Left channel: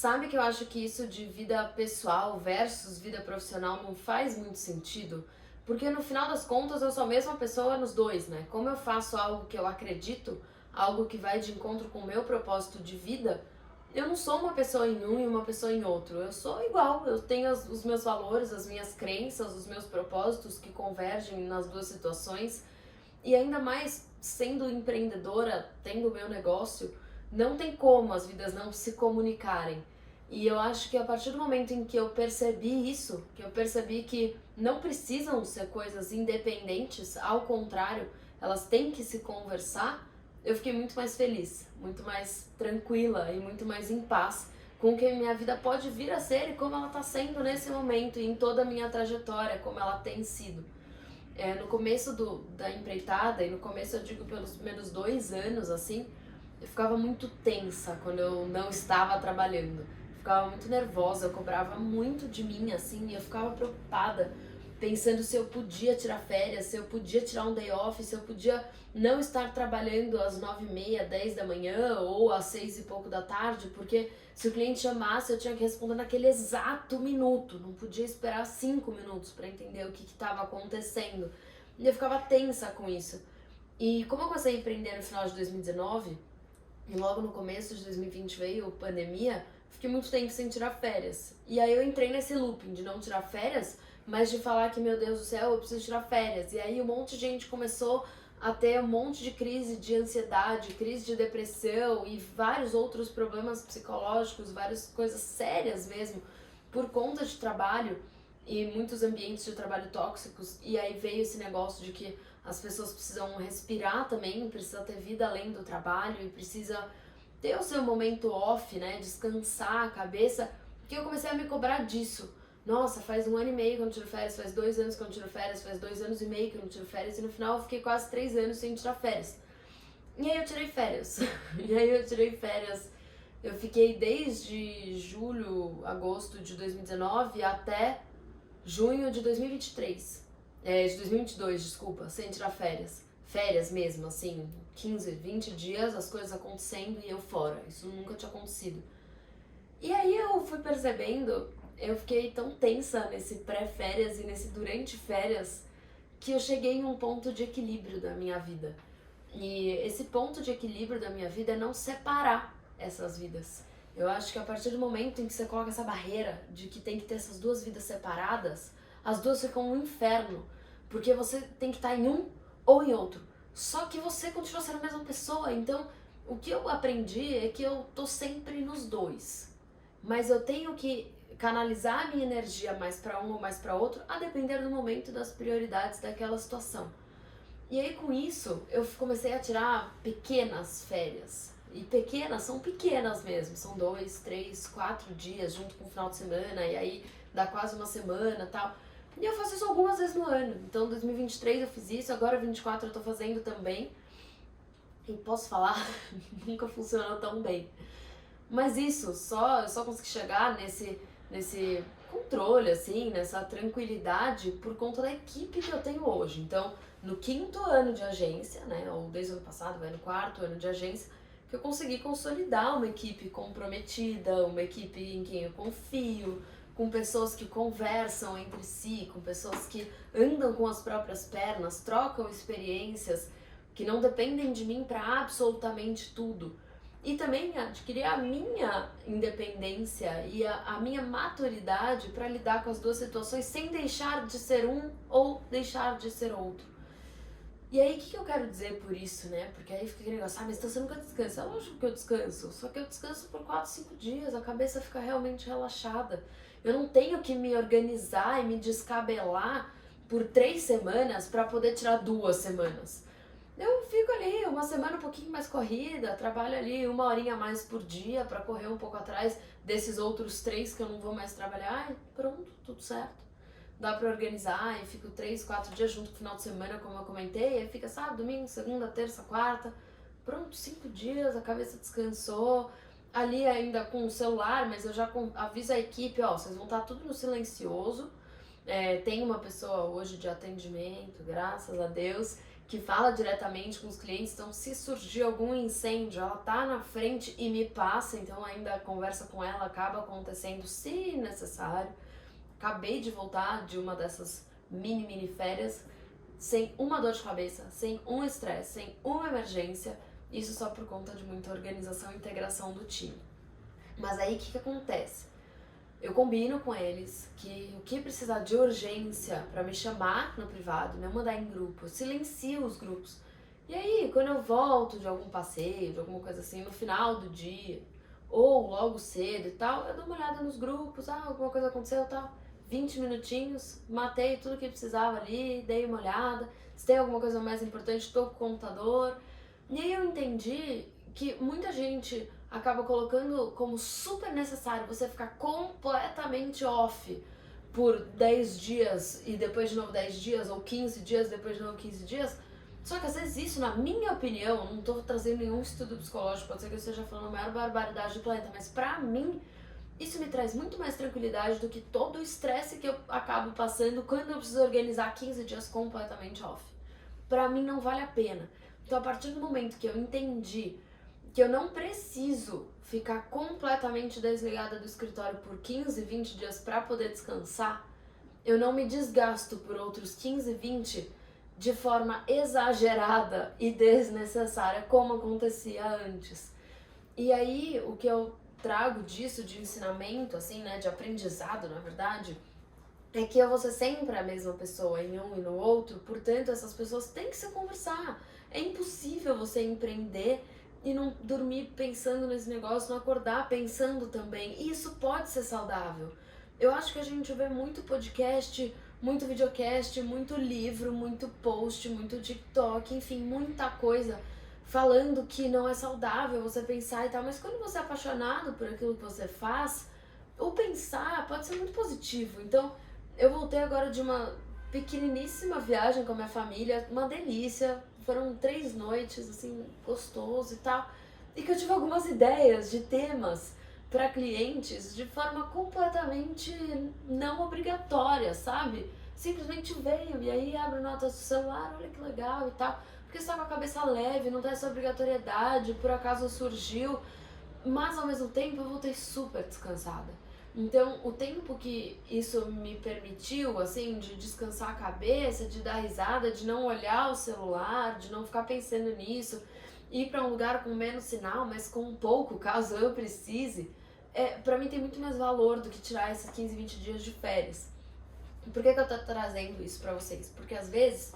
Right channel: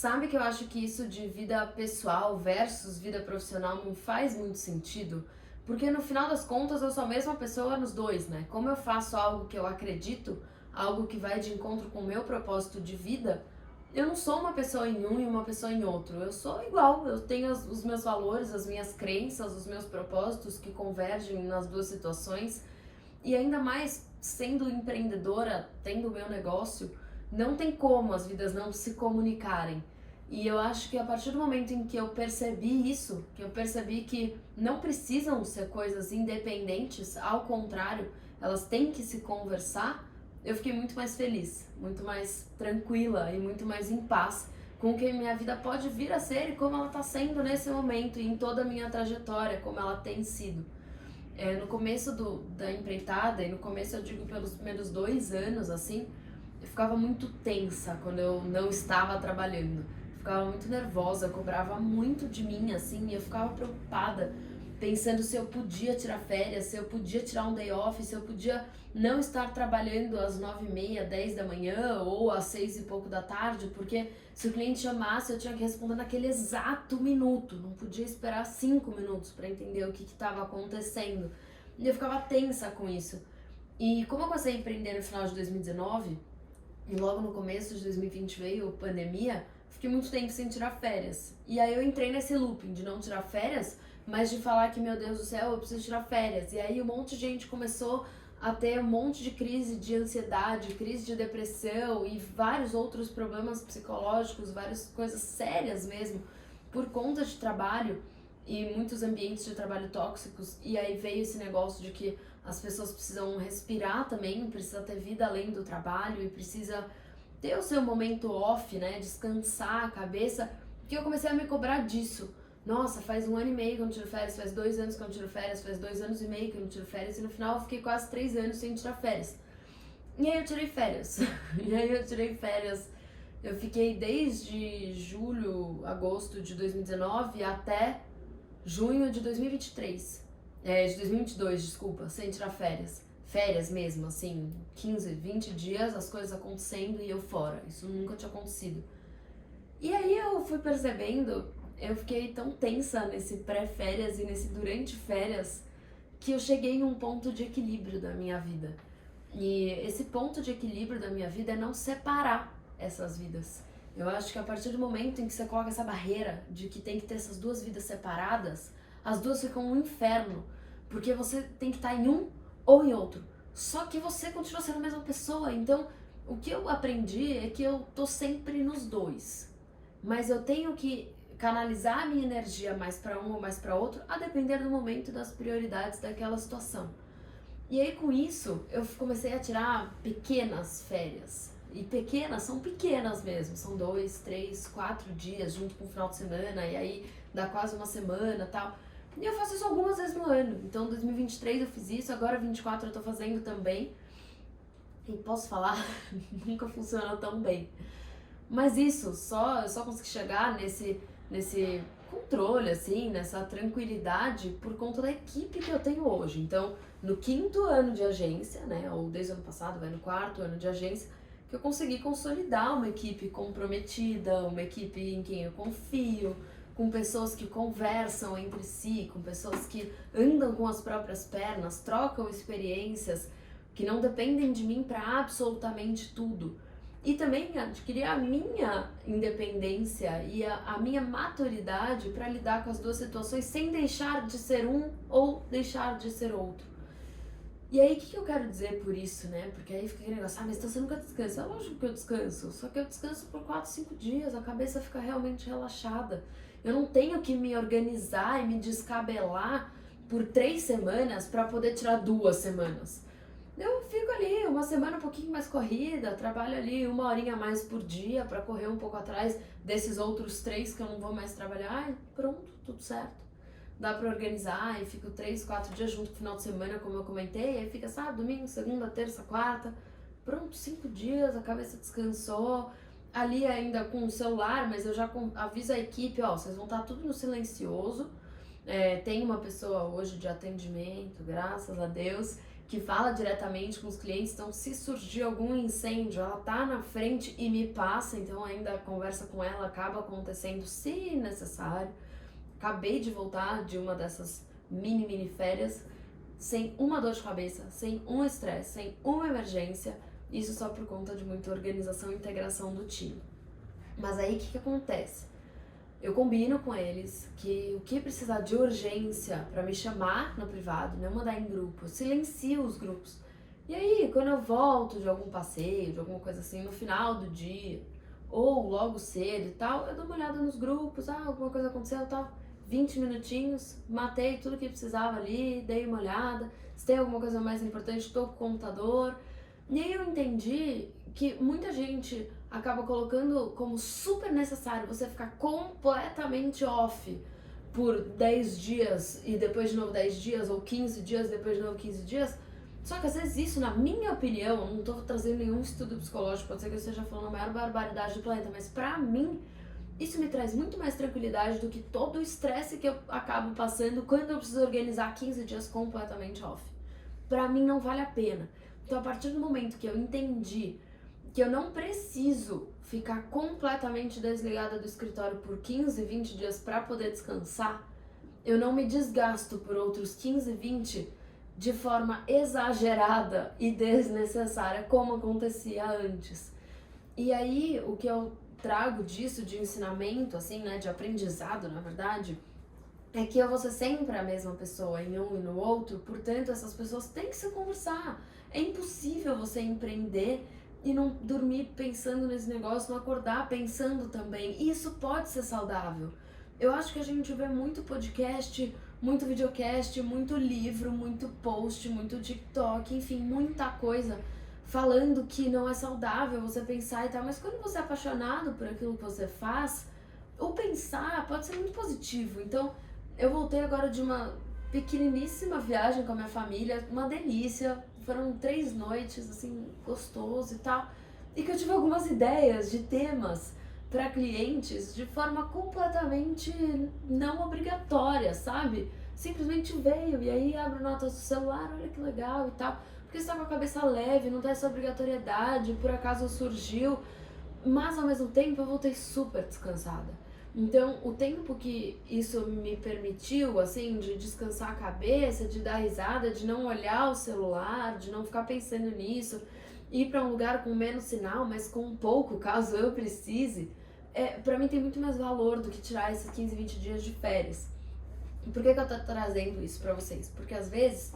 Sabe que eu acho que isso de vida pessoal versus vida profissional não faz muito sentido? Porque no final das contas eu sou a mesma pessoa nos dois, né? Como eu faço algo que eu acredito, algo que vai de encontro com o meu propósito de vida, eu não sou uma pessoa em um e uma pessoa em outro. Eu sou igual, eu tenho os meus valores, as minhas crenças, os meus propósitos que convergem nas duas situações. E ainda mais sendo empreendedora, tendo o meu negócio, não tem como as vidas não se comunicarem. E eu acho que a partir do momento em que eu percebi isso, que eu percebi que não precisam ser coisas independentes, ao contrário, elas têm que se conversar, eu fiquei muito mais feliz, muito mais tranquila e muito mais em paz com o que minha vida pode vir a ser e como ela está sendo nesse momento e em toda a minha trajetória, como ela tem sido. No começo da empreitada, e no começo eu digo pelos primeiros 2 anos, assim, eu ficava muito tensa quando eu não estava trabalhando. Eu ficava muito nervosa, eu cobrava muito de mim, assim, e eu ficava preocupada, pensando se eu podia tirar férias, se eu podia tirar um day off, se eu podia não estar trabalhando às 9h30, 10 da manhã ou às 6 e pouco da tarde, porque se o cliente chamasse eu tinha que responder naquele exato minuto, não podia esperar 5 minutos para entender o que estava acontecendo. E eu ficava tensa com isso. E como eu comecei a empreender no final de 2019, e logo no começo de 2020 veio a pandemia, fiquei muito tempo sem tirar férias. E aí eu entrei nesse looping de não tirar férias, mas de falar que, meu Deus do céu, eu preciso tirar férias. E aí um monte de gente começou a ter um monte de crise de ansiedade, crise de depressão e vários outros problemas psicológicos, várias coisas sérias mesmo, por conta de trabalho e muitos ambientes de trabalho tóxicos. E aí veio esse negócio de que as pessoas precisam respirar também, precisa ter vida além do trabalho e precisa ter o seu momento off, né, descansar a cabeça, que eu comecei a me cobrar disso. Nossa, faz 1 ano e meio que eu não tiro férias, faz 2 anos que eu não tiro férias, faz 2 anos e meio que eu não tiro férias, e no final eu fiquei quase 3 anos sem tirar férias. E aí eu tirei férias. Eu fiquei desde julho, agosto de 2019 até junho de 2023. De 2022, desculpa, sem tirar férias. Férias mesmo, assim, 15, 20 dias, as coisas acontecendo e eu fora. Isso nunca tinha acontecido. E aí eu fui percebendo, eu fiquei tão tensa nesse pré-férias e nesse durante férias, que eu cheguei em um ponto de equilíbrio da minha vida. E esse ponto de equilíbrio da minha vida é não separar essas vidas. Eu acho que a partir do momento em que você coloca essa barreira de que tem que ter essas duas vidas separadas, as duas ficam um inferno, porque você tem que estar em um ou em outro. Só que você continua sendo a mesma pessoa, então o que eu aprendi é que eu tô sempre nos dois. Mas eu tenho que canalizar a minha energia mais para um ou mais para outro, a depender do momento e das prioridades daquela situação. E aí com isso, eu comecei a tirar pequenas férias. E pequenas são pequenas mesmo, são 2, 3, 4 dias junto com o final de semana, e aí dá quase uma semana e tal. E eu faço isso algumas vezes no ano. Então, 2023 eu fiz isso, agora 2024 eu tô fazendo também. E posso falar, nunca funcionou tão bem. Mas isso, eu só consegui chegar nesse controle, assim, nessa tranquilidade por conta da equipe que eu tenho hoje. Então, no 5º ano de agência, né, ou desde o ano passado, vai no 4º ano de agência, que eu consegui consolidar uma equipe comprometida, uma equipe em quem eu confio, com pessoas que conversam entre si, com pessoas que andam com as próprias pernas, trocam experiências, que não dependem de mim para absolutamente tudo. E também adquirir a minha independência e a minha maturidade para lidar com as duas situações sem deixar de ser um ou deixar de ser outro. E aí, o que eu quero dizer por isso, né? Porque aí fica aquele negócio, mas então você nunca descansa. É lógico que eu descanso, só que eu descanso por 4, 5 dias, a cabeça fica realmente relaxada. Eu não tenho que me organizar e me descabelar por 3 semanas para poder tirar 2 semanas. Eu fico ali uma semana um pouquinho mais corrida, trabalho ali 1 horinha a mais por dia para correr um pouco atrás desses outros 3 que eu não vou mais trabalhar e pronto, tudo certo. Dá pra organizar e fico 3, 4 dias junto com o final de semana, como eu comentei, aí fica sábado, domingo, segunda, terça, quarta, pronto, 5 dias, a cabeça descansou, ali ainda com o celular, mas eu já aviso a equipe, ó, vocês vão estar tudo no silencioso, tem uma pessoa hoje de atendimento, graças a Deus, que fala diretamente com os clientes, então se surgir algum incêndio, ela tá na frente e me passa, então ainda a conversa com ela acaba acontecendo se necessário. Acabei de voltar de uma dessas mini férias, sem uma dor de cabeça, sem um estresse, sem uma emergência, isso só por conta de muita organização e integração do time. Mas aí o que acontece? Eu combino com eles que o que precisar de urgência para me chamar no privado, me mandar em grupo, eu silencio os grupos. E aí, quando eu volto de algum passeio, de alguma coisa assim, no final do dia, ou logo cedo e tal, eu dou uma olhada nos grupos, alguma coisa aconteceu e tal. 20 minutinhos, matei tudo que precisava ali, dei uma olhada. Se tem alguma coisa mais importante, tô com o computador. E aí eu entendi que muita gente acaba colocando como super necessário você ficar completamente off por 10 dias e depois de novo 10 dias, ou 15 dias, depois de novo 15 dias. Só que às vezes isso, na minha opinião, não tô trazendo nenhum estudo psicológico, pode ser que eu esteja falando a maior barbaridade do planeta, mas pra mim, isso me traz muito mais tranquilidade do que todo o estresse que eu acabo passando quando eu preciso organizar 15 dias completamente off. Pra mim não vale a pena. Então a partir do momento que eu entendi que eu não preciso ficar completamente desligada do escritório por 15, 20 dias para poder descansar, eu não me desgasto por outros 15, 20 de forma exagerada e desnecessária, como acontecia antes. E aí, o que eu trago disso de ensinamento, assim, né, de aprendizado, na verdade, é que eu vou ser sempre a mesma pessoa em um e no outro, portanto, essas pessoas têm que se conversar. É impossível você empreender e não dormir pensando nesse negócio, não acordar pensando também. E isso pode ser saudável. Eu acho que a gente vê muito podcast, muito videocast, muito livro, muito post, muito TikTok, enfim, muita coisa falando que não é saudável você pensar e tal. Mas quando você é apaixonado por aquilo que você faz, o pensar pode ser muito positivo. Então, eu voltei agora de uma pequeniníssima viagem com a minha família, uma delícia. Foram 3 noites, assim, gostoso e tal. E que eu tive algumas ideias de temas para clientes de forma completamente não obrigatória, sabe? Simplesmente veio e aí abre notas do celular, olha que legal e tal. Porque você tá com a cabeça leve, não tem essa obrigatoriedade, por acaso surgiu. Mas ao mesmo tempo eu voltei super descansada. Então, o tempo que isso me permitiu, assim, de descansar a cabeça, de dar risada, de não olhar o celular, de não ficar pensando nisso, ir para um lugar com menos sinal, mas com um pouco, caso eu precise, pra mim tem muito mais valor do que tirar esses 15, 20 dias de férias. Por que eu tô trazendo isso pra vocês? Porque às vezes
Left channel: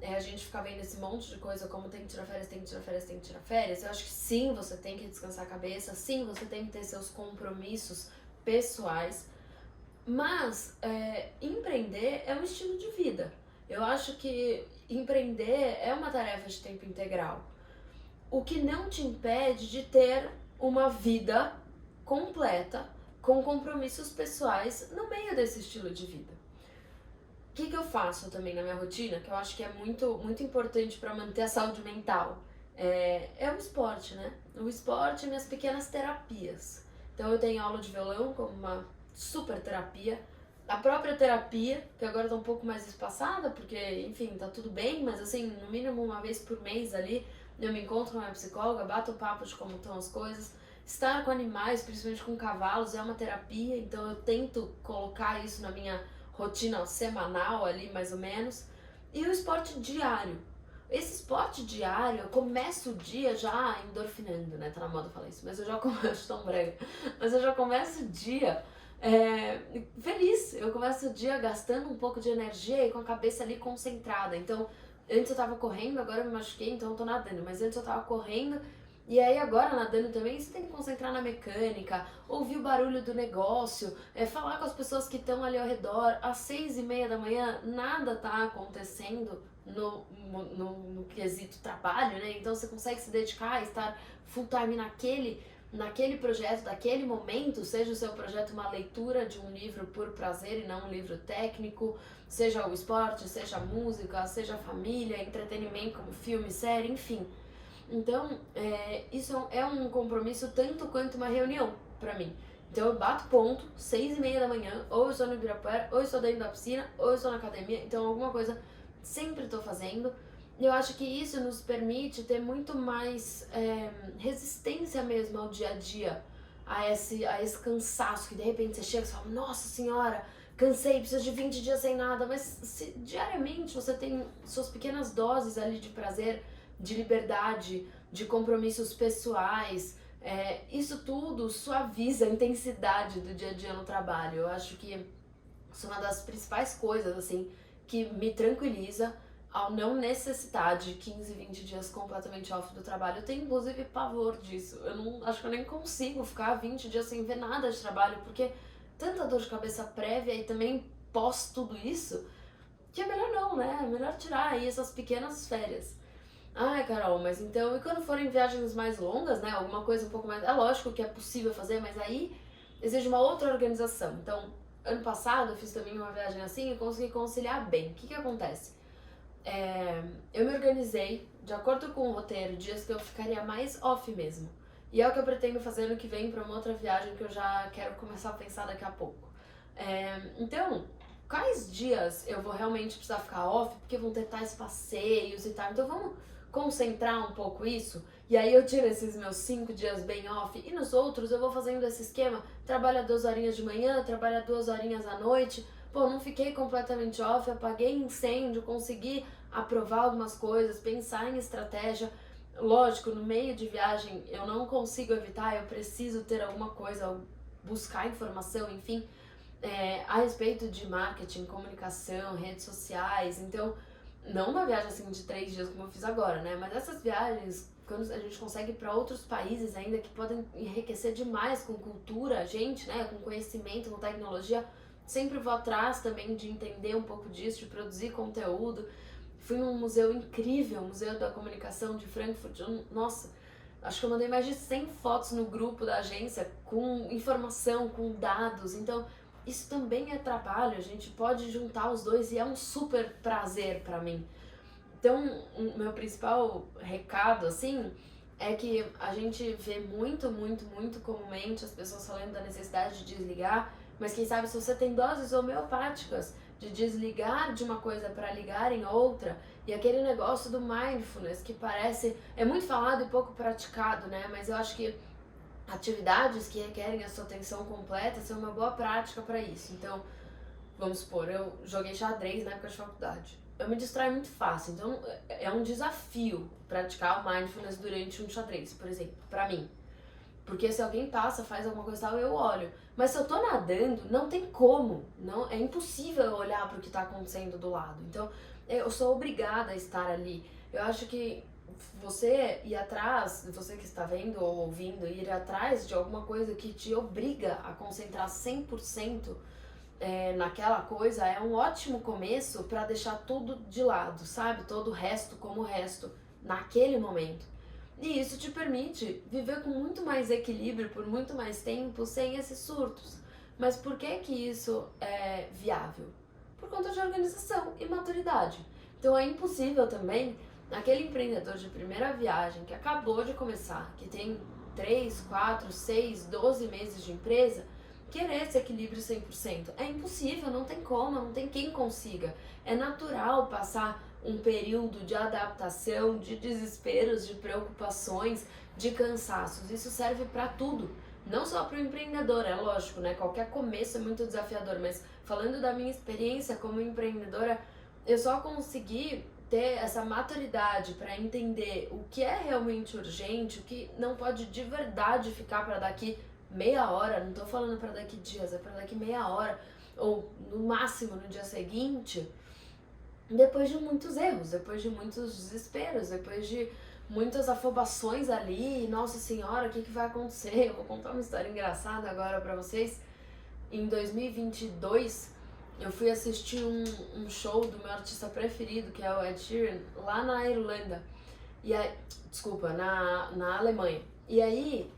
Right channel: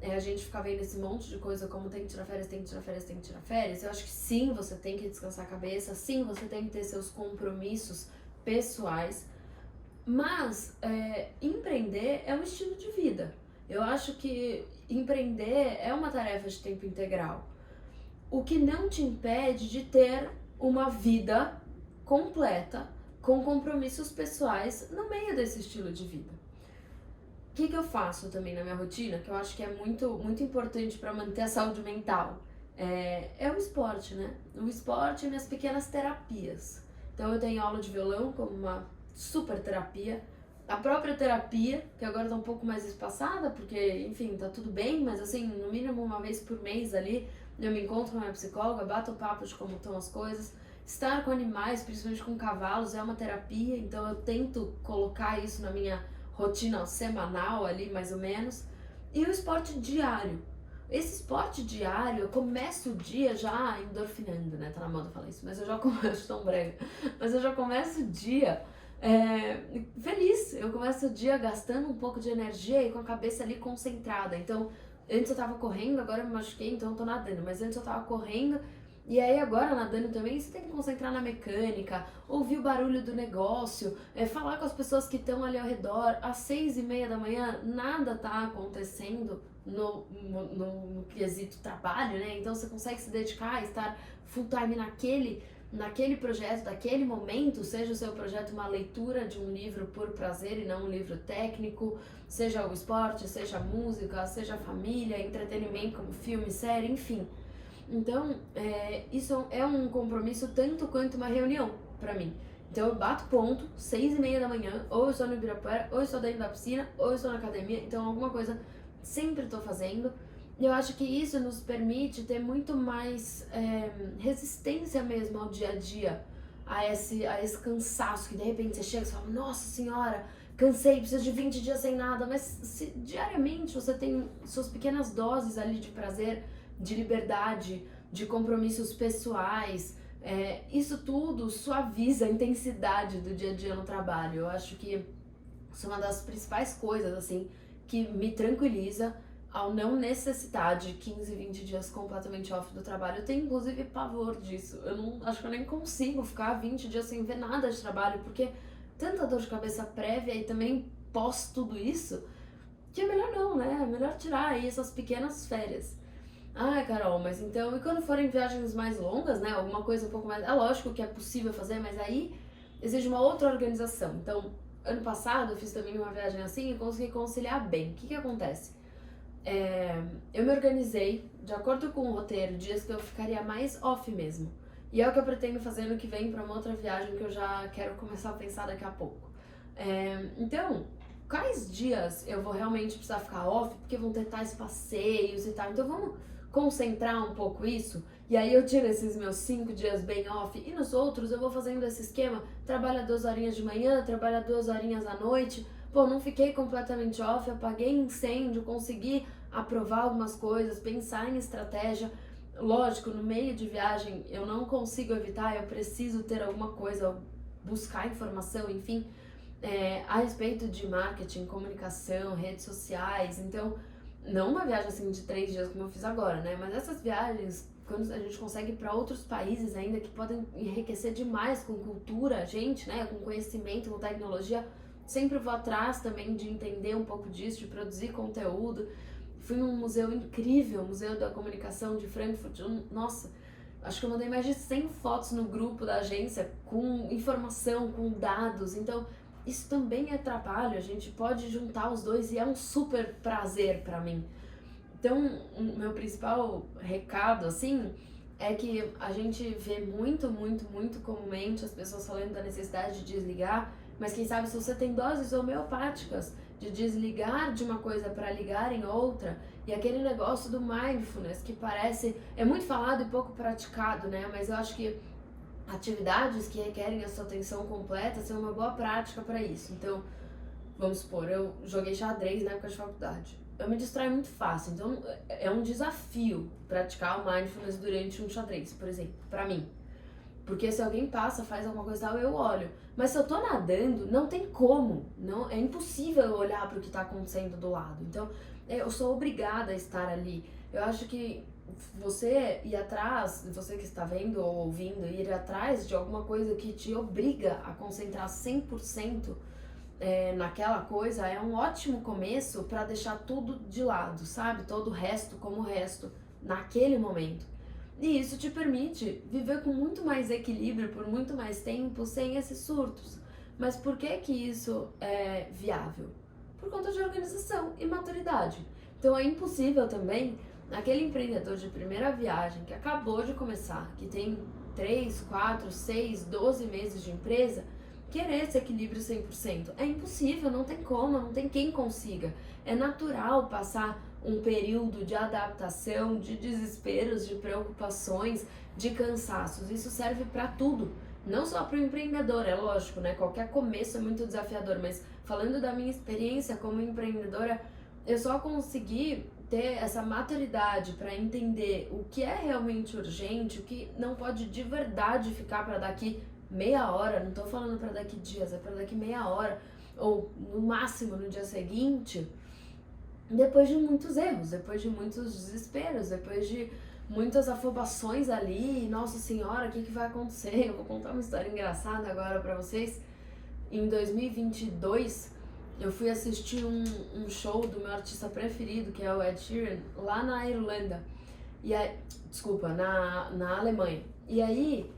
a gente fica vendo esse monte de coisa como tem que tirar férias, tem que tirar férias, tem que tirar férias. Eu acho que sim, você tem que descansar a cabeça, sim, você tem que ter seus compromissos pessoais, mas empreender é um estilo de vida. Eu acho que empreender é uma tarefa de tempo integral, o que não te impede de ter uma vida completa com compromissos pessoais no meio desse estilo de vida. O que eu faço também na minha rotina, que eu acho que é muito, muito importante para manter a saúde mental, é o esporte, né? O esporte e minhas pequenas terapias. Então eu tenho aula de violão como uma super terapia, a própria terapia, que agora tá um pouco mais espaçada, porque, enfim, tá tudo bem, mas assim, no mínimo uma vez por mês ali, eu me encontro com a minha psicóloga, bato o papo de como estão as coisas. Estar com animais, principalmente com cavalos, é uma terapia, então eu tento colocar isso na minha rotina semanal ali, mais ou menos. E o esporte diário. Esse esporte diário, eu começo o dia já endorfinando, né? Tá na moda falar isso, mas eu já começo, tão brega, mas eu já começo o dia feliz. Eu começo o dia gastando um pouco de energia e com a cabeça ali concentrada. Então, antes eu tava correndo, agora eu me machuquei, então eu tô nadando, mas antes eu tava correndo. E aí agora nadando também, você tem que concentrar na mecânica, ouvir o barulho do negócio, falar com as pessoas que estão ali ao redor. Às 6:30 da manhã, nada tá acontecendo no quesito trabalho, né? Então você consegue se dedicar e estar full time naquele projeto, daquele momento, seja o seu projeto uma leitura de um livro por prazer e não um livro técnico, seja o esporte, seja a música, seja a família, entretenimento como filme, série, enfim. Então, isso é um compromisso tanto quanto uma reunião pra mim. Então eu bato ponto, 6:30 da manhã, ou eu estou no Ibirapuera, ou eu estou dentro da piscina, ou eu estou na academia, então alguma coisa sempre tô fazendo. E eu acho que isso nos permite ter muito mais resistência mesmo ao dia a dia, a esse cansaço que de repente você chega e fala, nossa senhora, cansei, preciso de 20 dias sem nada, mas se diariamente você tem suas pequenas doses ali de prazer, de liberdade, de compromissos pessoais, isso tudo suaviza a intensidade do dia a dia no trabalho. Eu acho que isso é uma das principais coisas, assim, que me tranquiliza ao não necessitar de 15, 20 dias completamente off do trabalho. Eu tenho, inclusive, pavor disso. Eu não, acho que eu nem consigo ficar 20 dias sem ver nada de trabalho, porque tanta dor de cabeça prévia e também pós tudo isso, que é melhor não, né? É melhor tirar aí essas pequenas férias. Ai, Carol, mas então, e quando forem viagens mais longas, né? Alguma coisa um pouco mais. É lógico que é possível fazer, mas aí exige uma outra organização. Então, ano passado eu fiz também uma viagem assim e consegui conciliar bem. O que acontece? Eu me organizei de acordo com o roteiro, dias que eu ficaria mais off mesmo. E é o que eu pretendo fazer ano que vem para uma outra viagem que eu já quero começar a pensar daqui a pouco. Então, quais dias eu vou realmente precisar ficar off? Porque vão ter tais passeios e tal. Então vamos concentrar um pouco isso. E aí eu tiro esses meus 5 dias bem off. E nos outros eu vou fazendo esse esquema. Trabalha 2 horinhas de manhã, trabalha 2 horinhas à noite. Pô, não fiquei completamente off, apaguei incêndio, consegui aprovar algumas coisas, pensar em estratégia. Lógico, no meio de viagem eu não consigo evitar, eu preciso ter alguma coisa, buscar informação, enfim, a respeito de marketing, comunicação, redes sociais. Então, não uma viagem assim de 3 dias como eu fiz agora, né? Mas essas viagens, quando a gente consegue ir para outros países ainda que podem enriquecer demais com cultura, gente, né? Com conhecimento, com tecnologia, sempre vou atrás também de entender um pouco disso, de produzir conteúdo. Fui num museu incrível, Museu da Comunicação de Frankfurt. Nossa, acho que eu mandei mais de 100 fotos no grupo da agência com informação, com dados. Então, isso também é trabalho, a gente pode juntar os dois e é um super prazer pra mim. Então, o meu principal recado, assim, é que a gente vê muito, muito, muito comumente as pessoas falando da necessidade de desligar, mas quem sabe se você tem doses homeopáticas de desligar de uma coisa para ligar em outra, e aquele negócio do mindfulness que parece, é muito falado e pouco praticado, né? Mas eu acho que atividades que requerem a sua atenção completa são uma boa prática para isso. Então, vamos supor, eu joguei xadrez na época de faculdade. Eu me distraio muito fácil, então é um desafio praticar o mindfulness durante um xadrez, por exemplo, para mim. Porque se alguém passa, faz alguma coisa e tal, eu olho. Mas se eu tô nadando, não tem como. Não, é impossível eu olhar pro que tá acontecendo do lado. Então, eu sou obrigada a estar ali. Eu acho que você ir atrás, você que está vendo ou ouvindo, ir atrás de alguma coisa que te obriga a concentrar 100% naquela coisa é um ótimo começo para deixar tudo de lado, sabe? Todo o resto como o resto, naquele momento. E isso te permite viver com muito mais equilíbrio por muito mais tempo sem esses surtos. Mas por que que isso é viável? Por conta de organização e maturidade. Então é impossível também aquele empreendedor de primeira viagem que acabou de começar, que tem 3, 4, 6, 12 meses de empresa, querer esse equilíbrio 100%. É impossível, não tem como, não tem quem consiga. É natural passar um período de adaptação, de desesperos, de preocupações, de cansaços. Isso serve para tudo, não só para o empreendedor, é lógico, né? Qualquer começo é muito desafiador, mas falando da minha experiência como empreendedora, eu só consegui ter essa maturidade para entender o que é realmente urgente, o que não pode de verdade ficar para daqui meia hora, não tô falando para daqui dias, é para daqui meia hora, ou no máximo no dia seguinte, depois de muitos erros, depois de muitos desesperos, depois de muitas afobações ali, nossa senhora, o que vai acontecer? Eu vou contar uma história engraçada agora pra vocês. Em 2022, eu fui assistir um show do meu artista preferido, que é o Ed Sheeran, lá na Irlanda, e aí, desculpa, na Alemanha. E aí,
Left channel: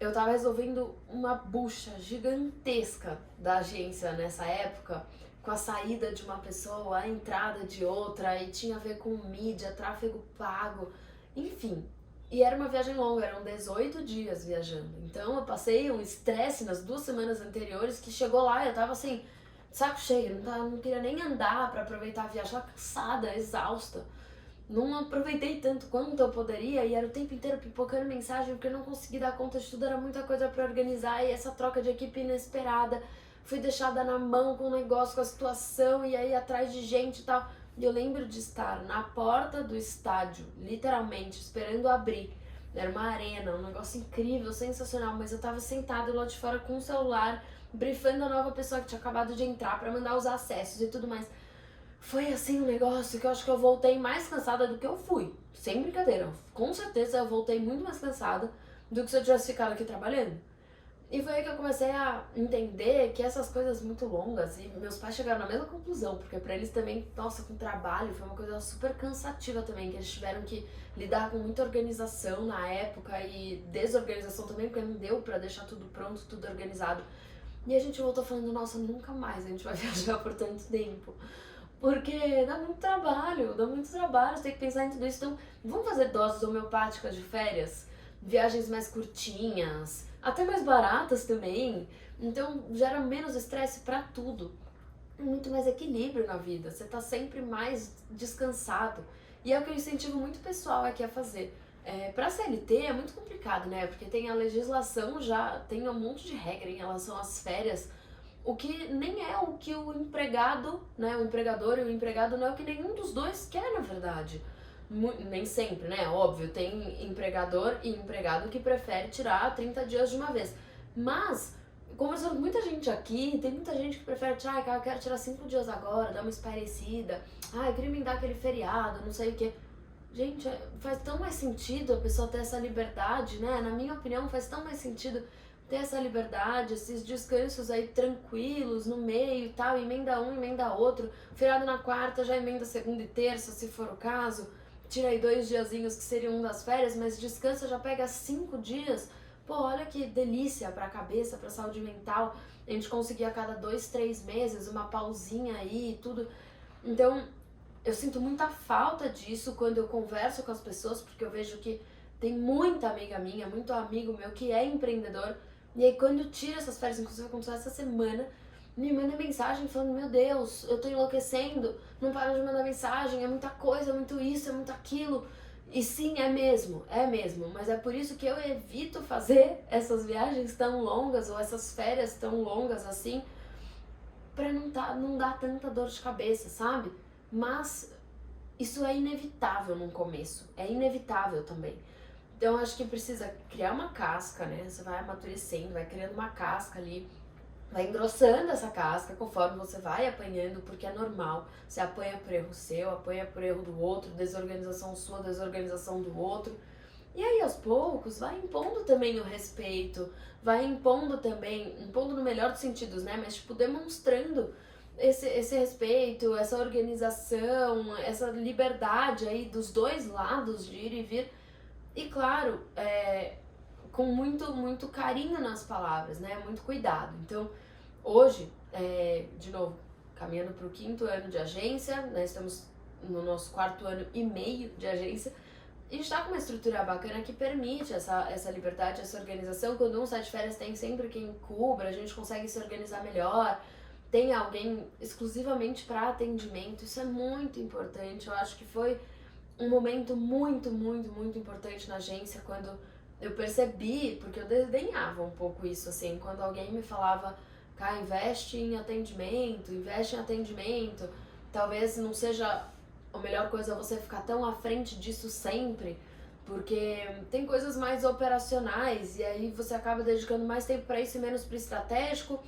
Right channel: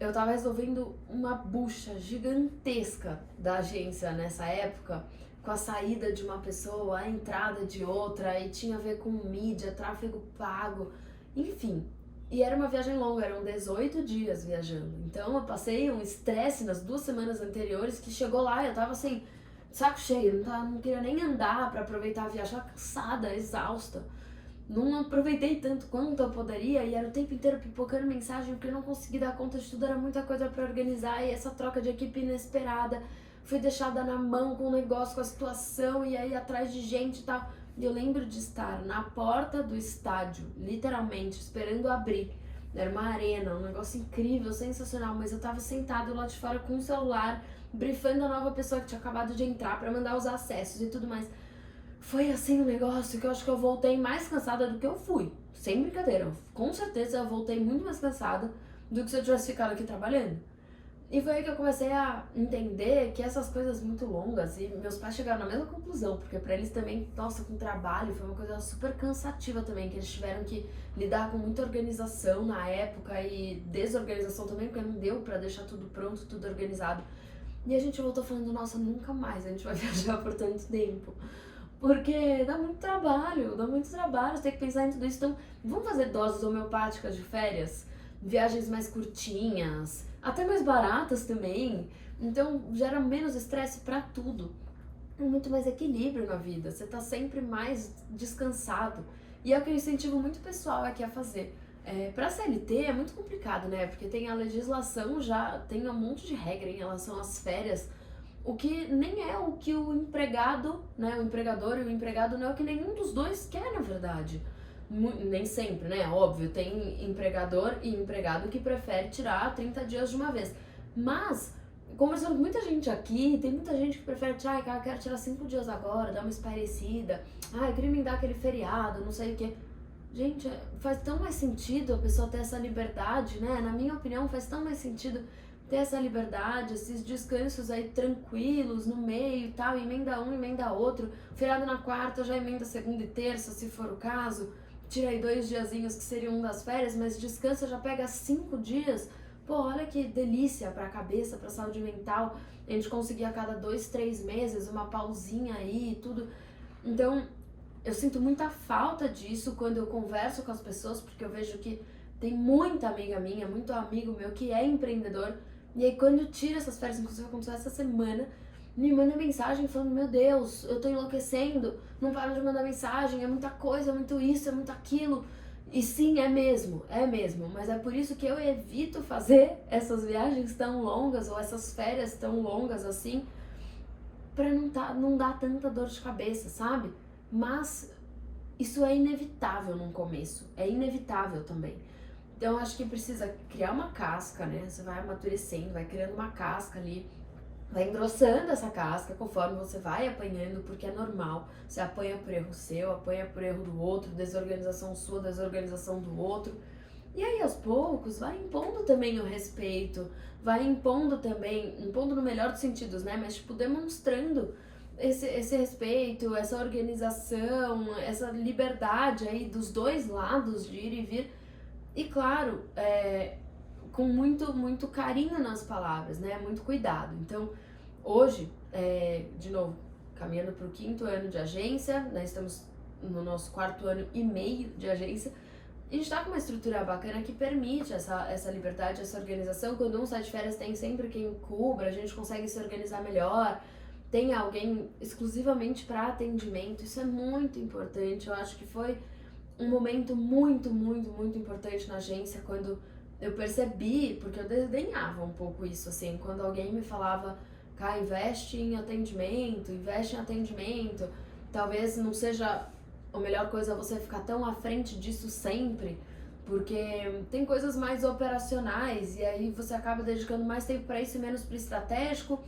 eu tava resolvendo uma bucha gigantesca da agência nessa época, com a saída de uma pessoa, a entrada de outra, e tinha a ver com mídia, tráfego pago, enfim. E era uma viagem longa, eram 18 dias viajando. Então eu passei um estresse nas 2 semanas anteriores que chegou lá, eu tava assim, saco cheio, não queria nem andar pra aproveitar a viagem, tava cansada, exausta. não aproveitei tanto quanto eu poderia e era o tempo inteiro pipocando mensagem porque eu não consegui dar conta de tudo, era muita coisa pra organizar e essa troca de equipe inesperada, fui deixada na mão com o negócio, com a situação e aí atrás de gente e tal. E eu lembro de estar na porta do estádio, literalmente, esperando abrir. Era uma arena, um negócio incrível, sensacional, mas eu tava sentada lá de fora com o celular, brifando a nova pessoa que tinha acabado de entrar pra mandar os acessos e tudo mais. Foi assim um negócio que eu acho que eu voltei mais cansada do que eu fui. Sem brincadeira. Com certeza eu voltei muito mais cansada do que se eu tivesse ficado aqui trabalhando. E foi aí que eu comecei a entender que essas coisas muito longas, e meus pais chegaram na mesma conclusão, porque pra eles também, nossa, com trabalho, foi uma coisa super cansativa também, que eles tiveram que lidar com muita organização na época e desorganização também, porque não deu pra deixar tudo pronto, tudo organizado. E a gente voltou falando, nossa, nunca mais a gente vai viajar por tanto tempo. Porque dá muito trabalho, você tem que pensar em tudo isso. Então, vamos fazer doses homeopáticas de férias? Viagens mais curtinhas, até mais baratas também. Então, gera menos estresse pra tudo. Muito mais equilíbrio na vida, você tá sempre mais descansado. E é o que eu incentivo muito o pessoal aqui a fazer. Pra CLT é muito complicado, né? Porque tem a legislação já, tem um monte de regra em relação às férias, o que nem é o que o empregado, né, o empregador e o empregado não é o que nenhum dos dois quer, na verdade. Nem sempre, né, óbvio, tem empregador e empregado que prefere tirar 30 dias de uma vez. Mas, conversando com muita gente aqui, tem muita gente que prefere tirar, eu quero tirar 5 dias agora, dar uma espairecida, eu queria me dar aquele feriado, não sei o quê. Gente, faz tão mais sentido a pessoa ter essa liberdade, né, na minha opinião, faz tão mais sentido ter essa liberdade, esses descansos aí tranquilos no meio e tal, emenda um, emenda outro, feriado na quarta, já emenda segunda e terça, se for o caso, tira aí 2 diazinhos que seriam das férias, mas descansa, já pega 5 dias, pô, olha que delícia pra cabeça, pra saúde mental, a gente conseguir a cada 2, 3 meses uma pausinha aí e tudo. Então, eu sinto muita falta disso quando eu converso com as pessoas, porque eu vejo que tem muita amiga minha, muito amigo meu que é empreendedor. E aí quando eu tiro essas férias, inclusive aconteceu essa semana, me manda mensagem falando, meu Deus, eu tô enlouquecendo, não para de mandar mensagem, é muita coisa, é muito isso, é muito aquilo. E sim, é mesmo, mas é por isso que eu evito fazer essas viagens tão longas ou essas férias tão longas assim, pra não dar tanta dor de cabeça, sabe? Mas isso é inevitável no começo, é inevitável também. Então eu acho que precisa criar uma casca, né? Você vai amadurecendo, vai criando uma casca ali, vai engrossando essa casca conforme você vai apanhando, porque é normal. Você apanha por erro seu, apanha por erro do outro, desorganização sua, desorganização do outro. E aí aos poucos vai impondo também o respeito, vai impondo também, impondo no melhor dos sentidos, né? Mas tipo, demonstrando esse respeito, essa organização, essa liberdade aí dos dois lados de ir e vir. E claro, com muito carinho nas palavras, né? Muito cuidado. Então, hoje, de novo, caminhando para o 5º ano de agência, né? Estamos no nosso 4º ano e meio de agência. A gente tá com uma estrutura bacana que permite essa liberdade, essa organização. Quando um sai de férias, tem sempre quem cubra, a gente consegue se organizar melhor. Tem alguém exclusivamente para atendimento. Isso é muito importante. Eu acho que foi um momento muito importante na agência, quando eu percebi, porque eu desdenhava um pouco isso, assim, quando alguém me falava, investe em atendimento, talvez não seja a melhor coisa você ficar tão à frente disso sempre, porque tem coisas mais operacionais, e aí você acaba dedicando mais tempo para isso e menos para estratégico,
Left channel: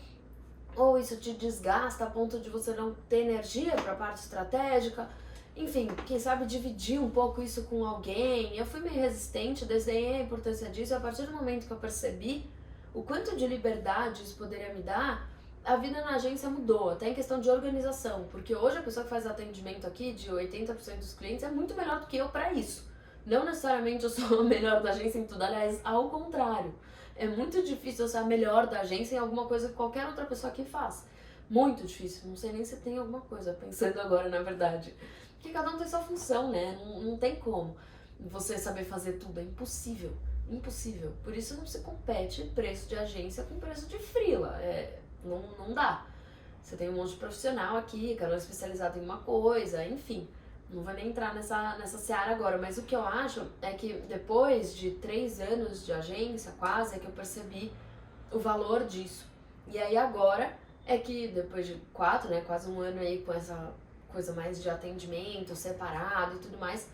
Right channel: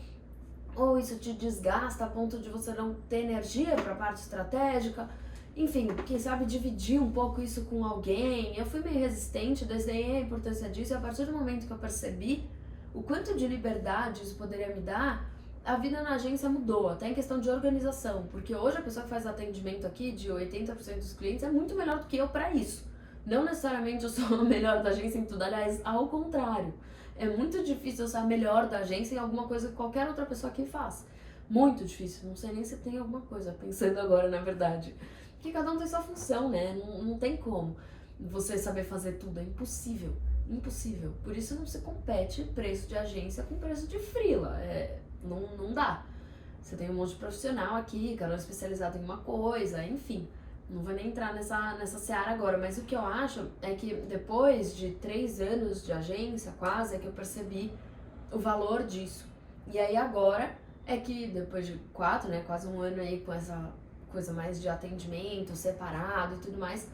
ou isso te desgasta a ponto de você não ter energia para a parte estratégica. Enfim, quem sabe dividir um pouco isso com alguém. Eu fui meio resistente, desenhei a importância disso, e a partir do momento que eu percebi o quanto de liberdade isso poderia me dar, a vida na agência mudou, até em questão de organização, porque hoje a pessoa que faz atendimento aqui, de 80% dos clientes, é muito melhor do que eu para isso. Não necessariamente eu sou a melhor da agência em tudo, aliás, ao contrário. É muito difícil eu ser a melhor da agência em alguma coisa que qualquer outra pessoa aqui faz. Muito difícil, não sei nem se tem alguma coisa, pensando agora, na verdade. Porque cada um tem sua função, né? Não tem como você saber fazer tudo, é impossível. Impossível. Por isso não se compete preço de agência com preço de freela. Não dá. Você tem um monte de profissional aqui, cada um especializado em uma coisa, enfim. Não vou nem entrar nessa seara agora, mas o que eu acho é que depois de 3 anos de agência, quase, é que eu percebi o valor disso. E aí agora é que depois de 4, né, quase um ano aí com essa coisa mais de atendimento separado e tudo mais,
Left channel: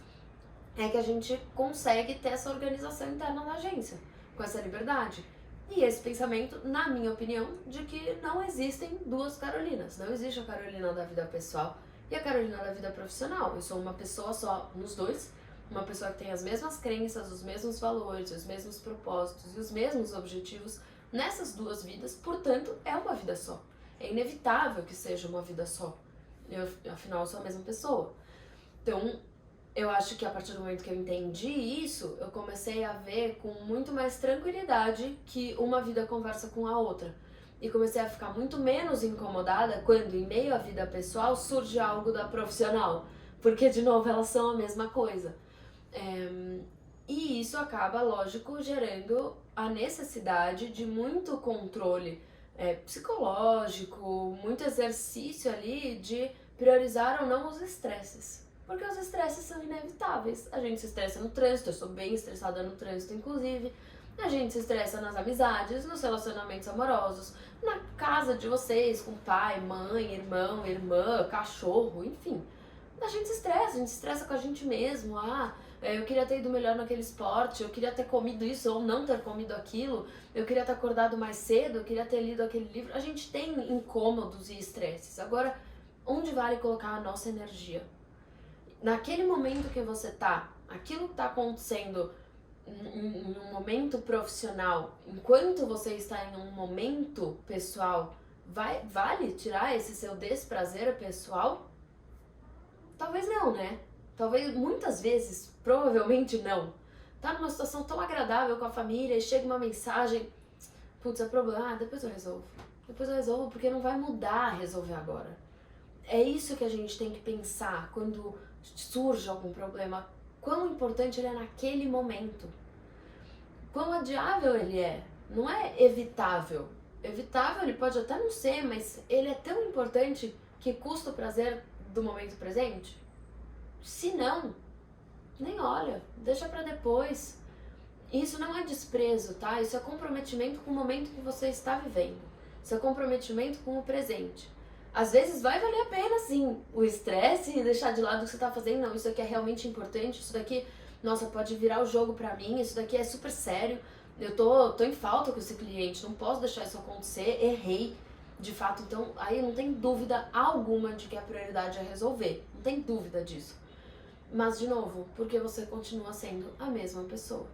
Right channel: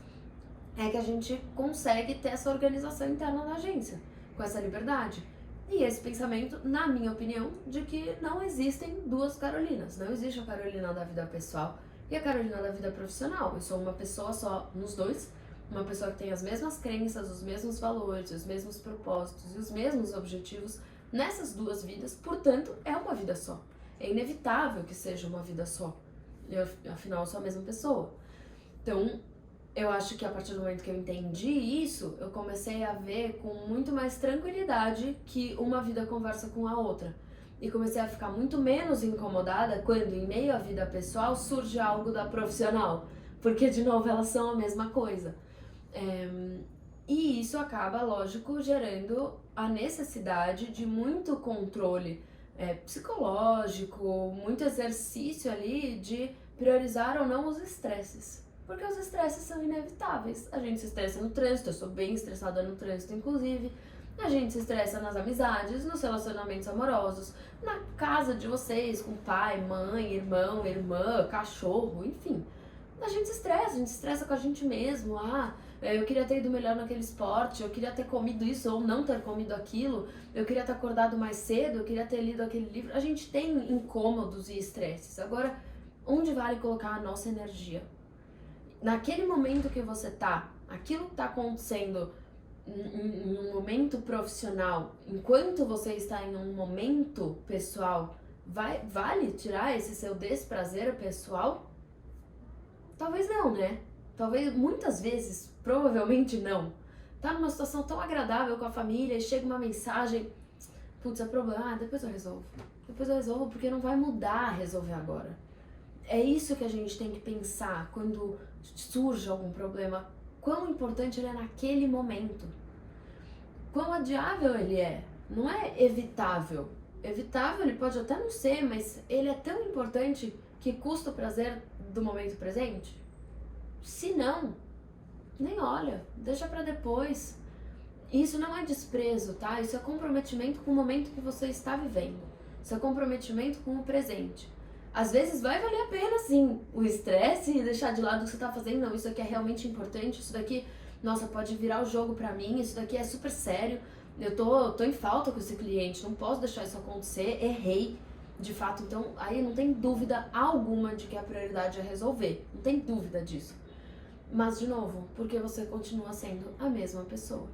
é que a gente consegue ter essa organização interna da agência, com essa liberdade. E esse pensamento, na minha opinião, de que não existem duas Carolinas. Não existe a Carolina da vida pessoal e a Carolina da vida profissional. Eu sou uma pessoa só nos dois, uma pessoa que tem as mesmas crenças, os mesmos valores, os mesmos propósitos e os mesmos objetivos nessas duas vidas, portanto, é uma vida só. É inevitável que seja uma vida só. Afinal, eu sou a mesma pessoa. Então, eu acho que a partir do momento que eu entendi isso, eu comecei a ver com muito mais tranquilidade que uma vida conversa com a outra. E comecei a ficar muito menos incomodada quando, em meio à vida pessoal, surge algo da profissional. Porque, de novo, elas são a mesma coisa. E isso acaba, lógico, gerando a necessidade de muito controle psicológico, muito exercício ali de priorizar ou não os estresses. Porque os estresses são inevitáveis. A gente se estressa no trânsito, eu sou bem estressada no trânsito, inclusive. A gente se estressa nas amizades, nos relacionamentos amorosos, na casa de vocês, com pai, mãe, irmão, irmã, cachorro, enfim. A gente se estressa com a gente mesmo. Eu queria ter ido melhor naquele esporte, eu queria ter comido isso ou não ter comido aquilo, eu queria ter acordado mais cedo, eu queria ter lido aquele livro. A gente tem incômodos e estresses. Agora, onde vale colocar a nossa energia? Naquele momento que você tá, aquilo que tá acontecendo em um momento profissional, enquanto você está em um momento pessoal, vale tirar esse seu desprazer pessoal? Talvez não, né? Talvez, muitas vezes, provavelmente não. Tá numa situação tão agradável com a família e chega uma mensagem, putz, é problema, depois eu resolvo. Depois eu resolvo, porque não vai mudar resolver agora. É isso que a gente tem que pensar quando surge algum problema. Quão importante ele é naquele momento. Quão adiável ele é. Não é evitável. Evitável ele pode até não ser, mas ele é tão importante que custa o prazer do momento presente? Se não, nem olha, deixa pra depois. Isso não é desprezo, tá? Isso é comprometimento com o momento que você está vivendo. Isso é comprometimento com o presente. Às vezes vai valer a pena, sim, o estresse e deixar de lado o que você tá fazendo. Não, isso aqui é realmente importante, isso daqui, nossa, pode virar o jogo pra mim, isso daqui é super sério. Eu tô em falta com esse cliente, não posso deixar isso acontecer, errei. De fato, então, aí não tem dúvida alguma de que a prioridade é resolver. Não tem dúvida disso. Mas, de novo, porque você continua sendo a mesma pessoa.